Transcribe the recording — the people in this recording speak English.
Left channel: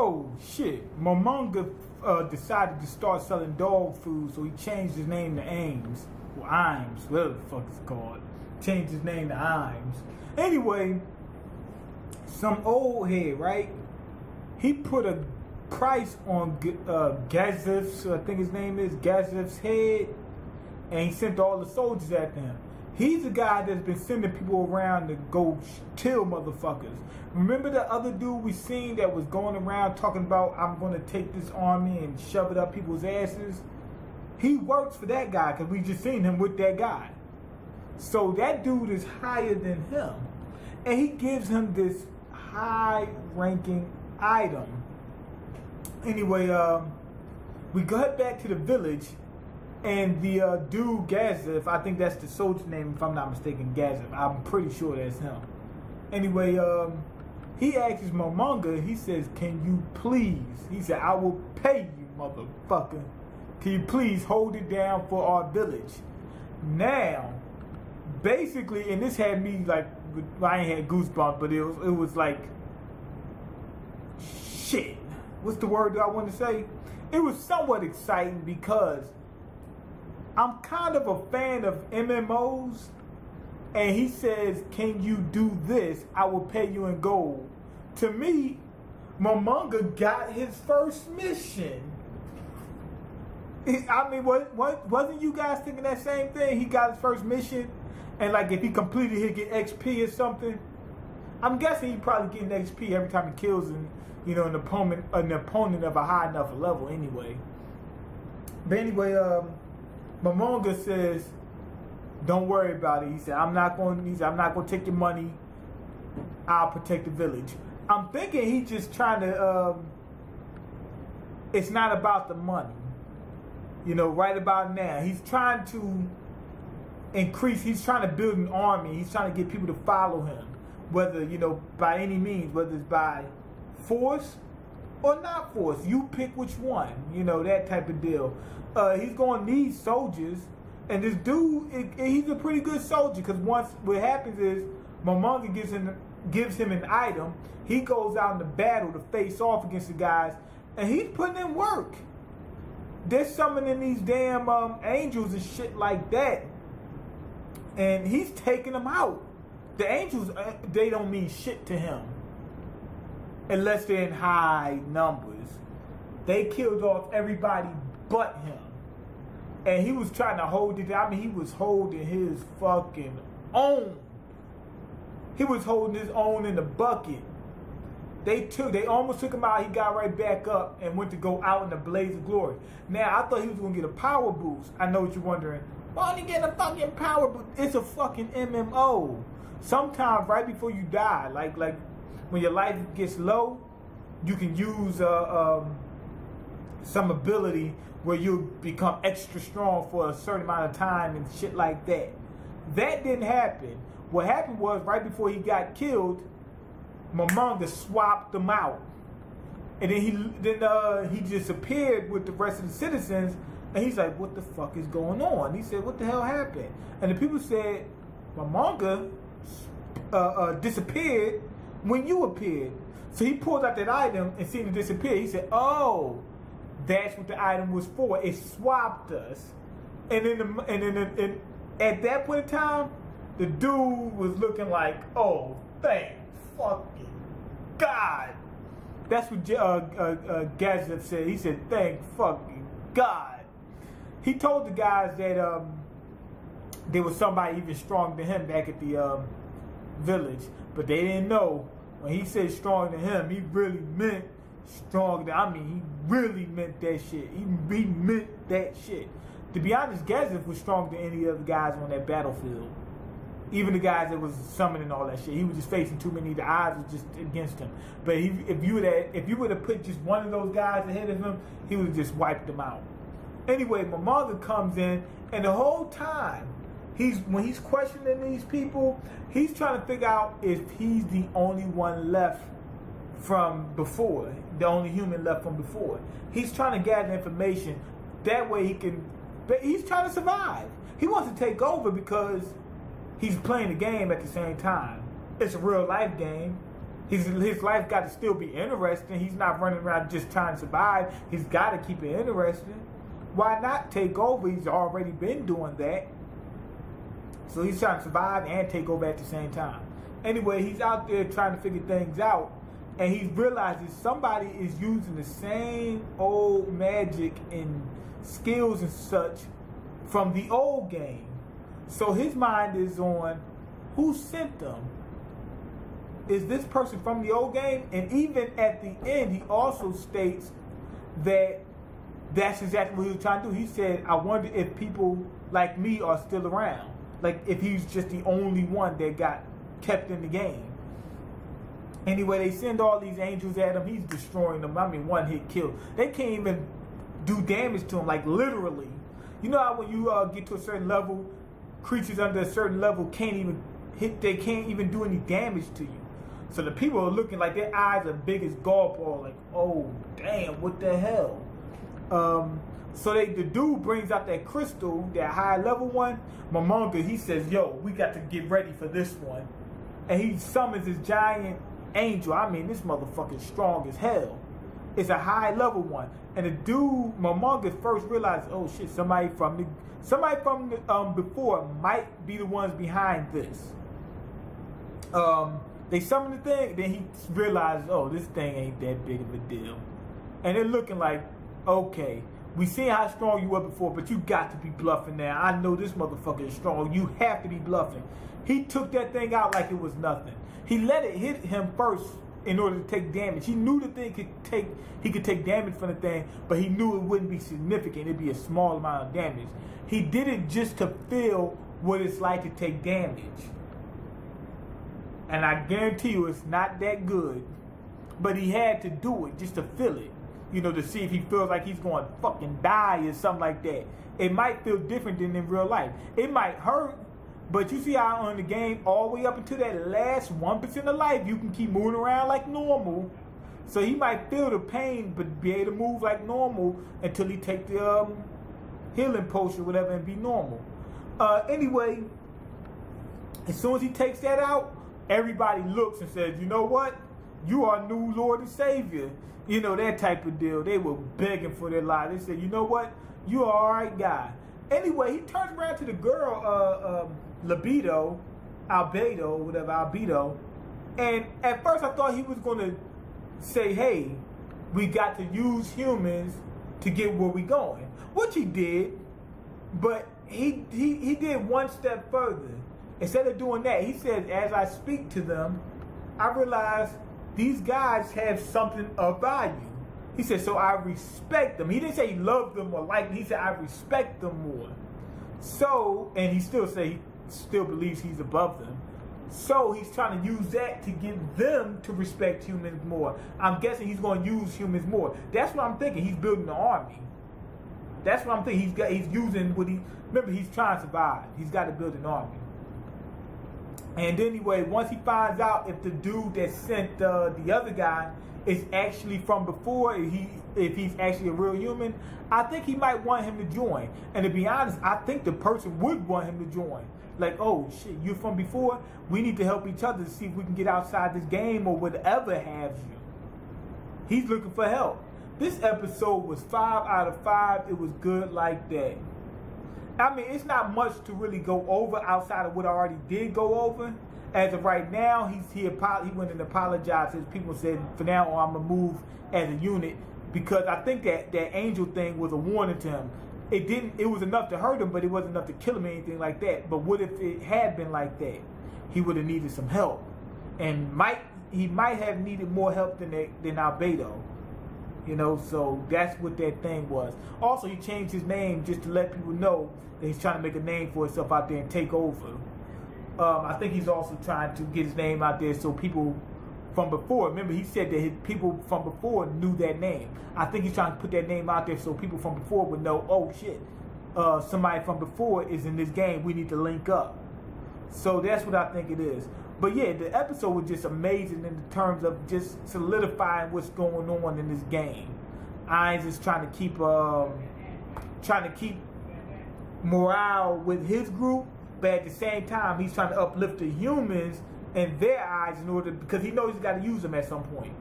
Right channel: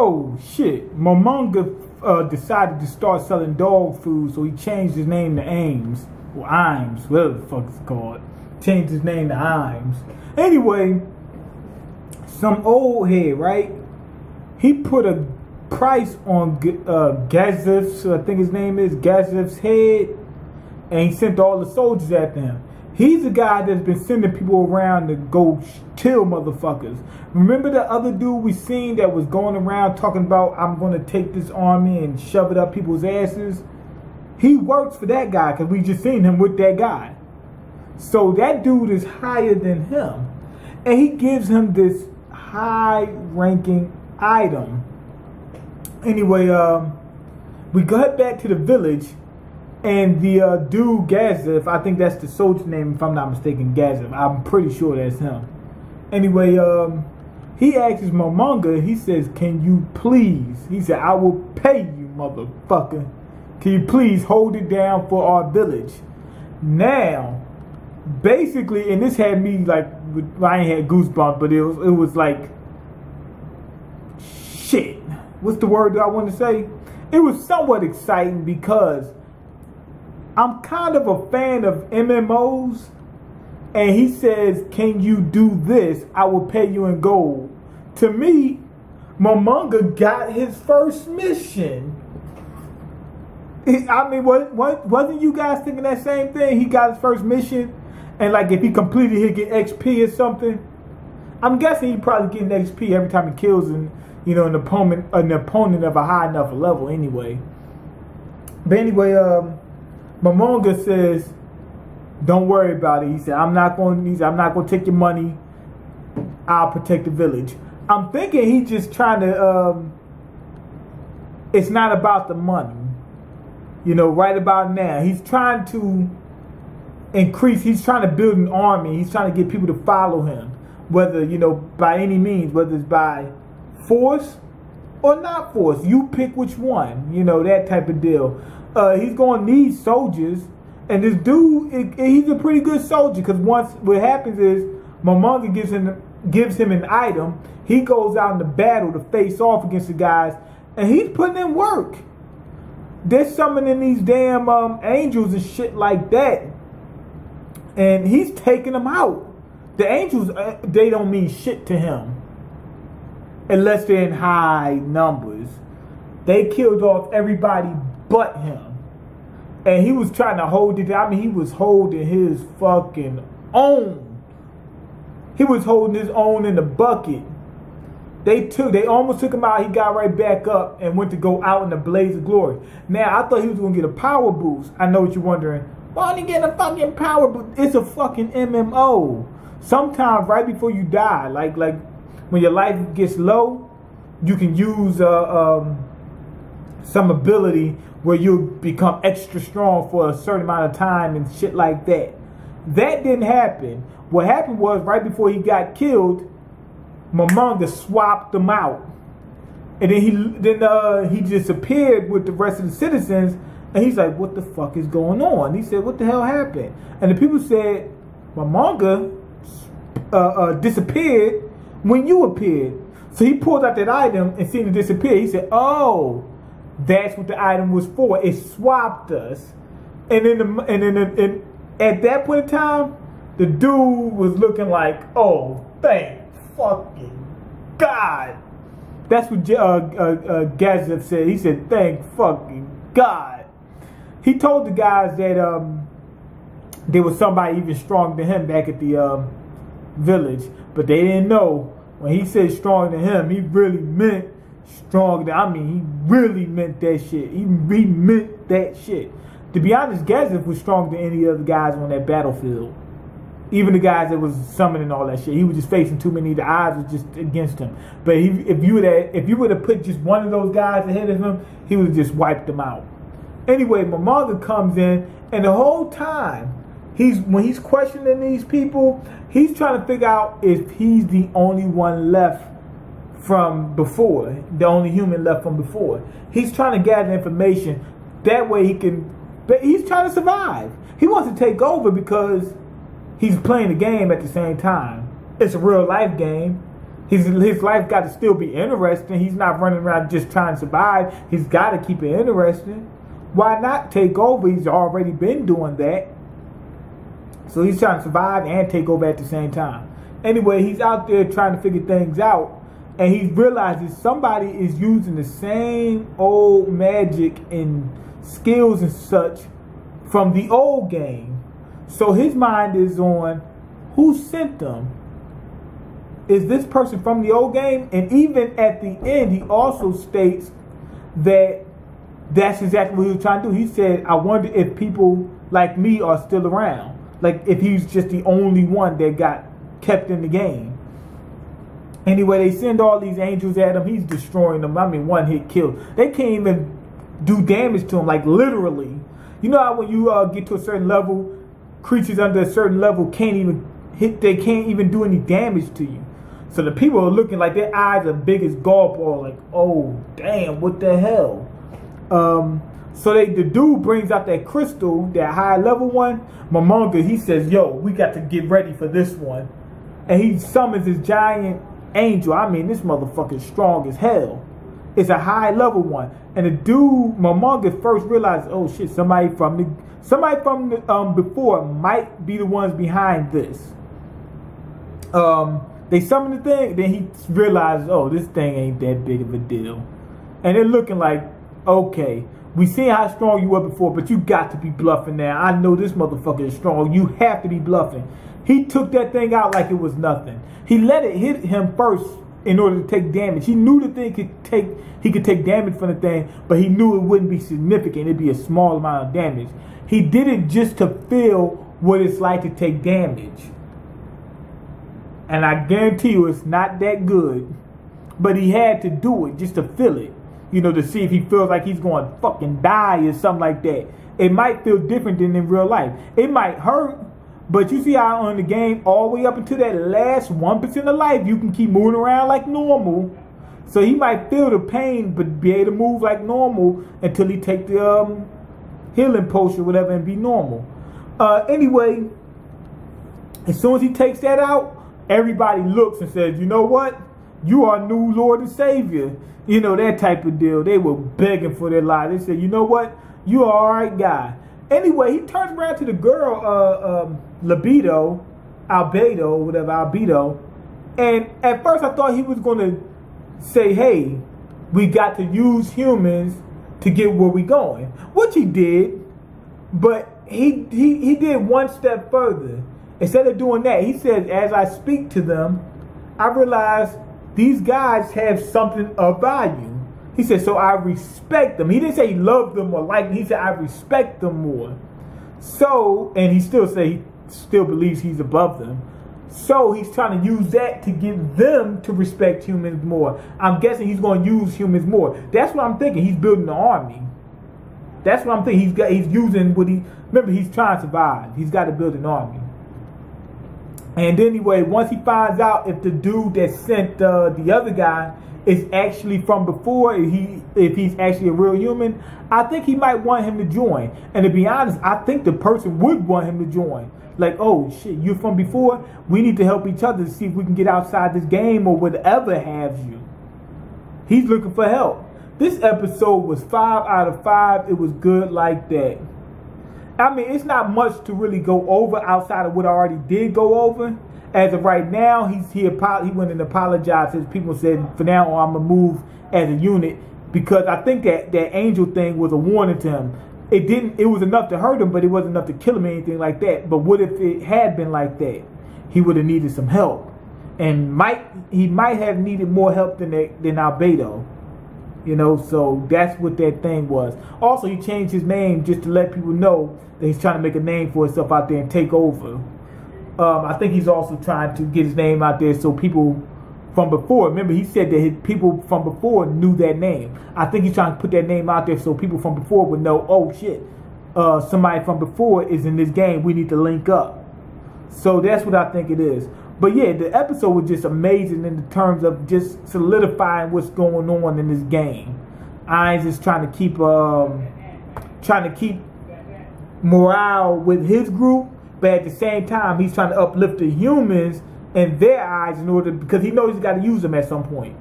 oh shit, Momonga decided to start selling dog food, so he changed his name to Ames. Or Imes, whatever the fuck it's called. Changed his name to Imes. Anyway, some old head, right? He put a price on Gazif's, I think his name is, Gazif's head, and he sent all the soldiers after him. He's the guy that's been sending people around to go kill motherfuckers. Remember the other dude we seen that was going around talking about, I'm going to take this army and shove it up people's asses? He works for that guy because we just seen him with that guy. So that dude is higher than him. And he gives him this high-ranking item. Anyway, we got back to the village. And the dude, Gazif, I think that's the soldier name, if I'm not mistaken, Gazif. I'm pretty sure that's him. Anyway, he asks Momonga, he says, can you please, he said, I will pay you, motherfucker. Can you please hold it down for our village? Now, basically, and this had me like, I ain't had goosebumps, but it was like, shit. What's the word that I want to say? It was somewhat exciting because I'm kind of a fan of MMOs, and he says, can you do this? I will pay you in gold. To me, Momonga got his first mission. I mean, wasn't you guys thinking that same thing? He got his first mission, and like if he completed, he'd get XP or something. I'm guessing he probably getting XP every time he kills an opponent of a high enough level anyway. But anyway, Momonga says, don't worry about it. He said, I'm not going to take your money. I'll protect the village. I'm thinking he's just trying to, it's not about the money. Right about now, he's trying to increase, he's trying to build an army. He's trying to get people to follow him, whether, by any means, whether it's by force or not force. You pick which one, that type of deal. He's going to need soldiers, and this dude, he's a pretty good soldier, because once what happens is Momonga gives him an item. He goes out into battle to face off against the guys, and he's putting in work. They're summoning these damn angels and shit like that, and he's taking them out. The angels, they don't mean shit to him unless they're in high numbers. They killed off everybody but him. And he was trying to hold it. I mean, he was holding his fucking own. He was holding his own in the bucket. They almost took him out. He got right back up and went to go out in the blaze of glory. Now, I thought he was going to get a power boost. I know what you're wondering. Why did he get a fucking power boost? It's a fucking MMO. Sometimes right before you die, like when your life gets low, you can use some ability where you become extra strong for a certain amount of time and shit like that. That didn't happen. What happened was right before he got killed, Momonga swapped them out, and then he disappeared with the rest of the citizens. And he's like, "What the fuck is going on?" He said, "What the hell happened?" And the people said, "Momonga disappeared when you appeared." So he pulled out that item and seen it disappear. He said, "Oh, that's what the item was for. It swapped us." And then at that point in time, the dude was looking like, "Oh, thank fucking God." That's what Gazif said. He said, "Thank fucking God." He told the guys that there was somebody even stronger than him back at the village, but they didn't know. When he said stronger than him, he really meant stronger. He really meant that shit. He meant that shit. To be honest, Gazif was stronger than any other guys on that battlefield. Even the guys that was summoning all that shit. He was just facing too many. The odds was just against him. But if you would have put just one of those guys ahead of him, he would have just wiped them out. Anyway, Momonga comes in, and the whole time, when he's questioning these people, he's trying to figure out if he's the only one left from before, the only human left from before. He's trying to gather information. That way he's trying to survive. He wants to take over because he's playing the game at the same time. It's a real life game. His life got to still be interesting. He's not running around just trying to survive. He's got to keep it interesting. Why not take over? He's already been doing that. So he's trying to survive and take over at the same time. Anyway, he's out there trying to figure things out. And he realizes somebody is using the same old magic and skills and such from the old game. So his mind is on who sent them. Is this person from the old game? And even at the end, he also states that that's exactly what he was trying to do. He said, I wonder if people like me are still around. Like if he's just the only one that got kept in the game. Anyway, they send all these angels at him. He's destroying them. I mean, one hit kill. They can't even do damage to him, like literally. You know how when you get to a certain level, creatures under a certain level can't even hit, they can't even do any damage to you. So the people are looking like their eyes are big as golf ball, like, oh, damn, what the hell? So the dude brings out that crystal, that high level one. Momonga, he says, yo, we got to get ready for this one. And he summons his giant angel. I mean, this motherfucker is strong as hell. It's a high level one. And the dude, Momonga, first realized, oh shit, somebody from the before might be the ones behind this. They summon the thing, then he realizes, oh, this thing ain't that big of a deal. And they're looking like, okay, we seen how strong you were before, but you got to be bluffing now. I know this motherfucker is strong. You have to be bluffing. He took that thing out like it was nothing. He let it hit him first in order to take damage. He knew the thing he could take damage from the thing, but he knew it wouldn't be significant. It'd be a small amount of damage. He did it just to feel what it's like to take damage. And I guarantee you it's not that good. But he had to do it just to feel it. You know, to see if he feels like he's going to fucking die or something like that. It might feel different than in real life. It might hurt. But you see how on the game, all the way up until that last 1% of life, you can keep moving around like normal. So he might feel the pain, but be able to move like normal until he take the healing potion or whatever and be normal. Anyway, as soon as he takes that out, everybody looks and says, you know what? You are new Lord and Savior. You know, that type of deal. They were begging for their lives. They said, you know what? You are all right guy. Anyway, he turns around to the girl, Albedo, and at first I thought he was going to say, hey, we got to use humans to get where we going, which he did, but he did one step further. Instead of doing that, he said, as I speak to them, I realize these guys have something of value. He said, so I respect them. He didn't say he loved them or liked them. He said, I respect them more. So, and he still say he still believes he's above them. So he's trying to use that to get them to respect humans more. I'm guessing he's going to use humans more. That's what I'm thinking. He's building an army. That's what I'm thinking. He's using what remember, he's trying to survive. He's got to build an army. And anyway, once he finds out if the dude that sent the other guy is actually from before, if he's actually a real human, I think he might want him to join. And to be honest, I think the person would want him to join. Like, oh shit, you're from before? We need to help each other to see if we can get outside this game or whatever have you. He's looking for help. This episode was 5 out of 5. It was good like that. I mean, it's not much to really go over outside of what I already did go over. As of right now, he went and apologized. His people said, for now on, I'm going to move as a unit. Because I think that angel thing was a warning to him. It was enough to hurt him, but it wasn't enough to kill him or anything like that. But what if it had been like that? He would have needed some help. And he might have needed more help than Albedo. You know, so that's what that thing was. Also, he changed his name just to let people know that he's trying to make a name for himself out there and take over. I think he's also trying to get his name out there so people from before, remember he said that his people from before knew that name. I think he's trying to put that name out there so people from before would know, oh shit, somebody from before is in this game. We need to link up. So that's what I think it is. But yeah, the episode was just amazing in the terms of just solidifying what's going on in this game. I'm just trying to keep morale with his group, but at the same time, he's trying to uplift the humans in their eyes in order, because he knows he's got to use them at some point.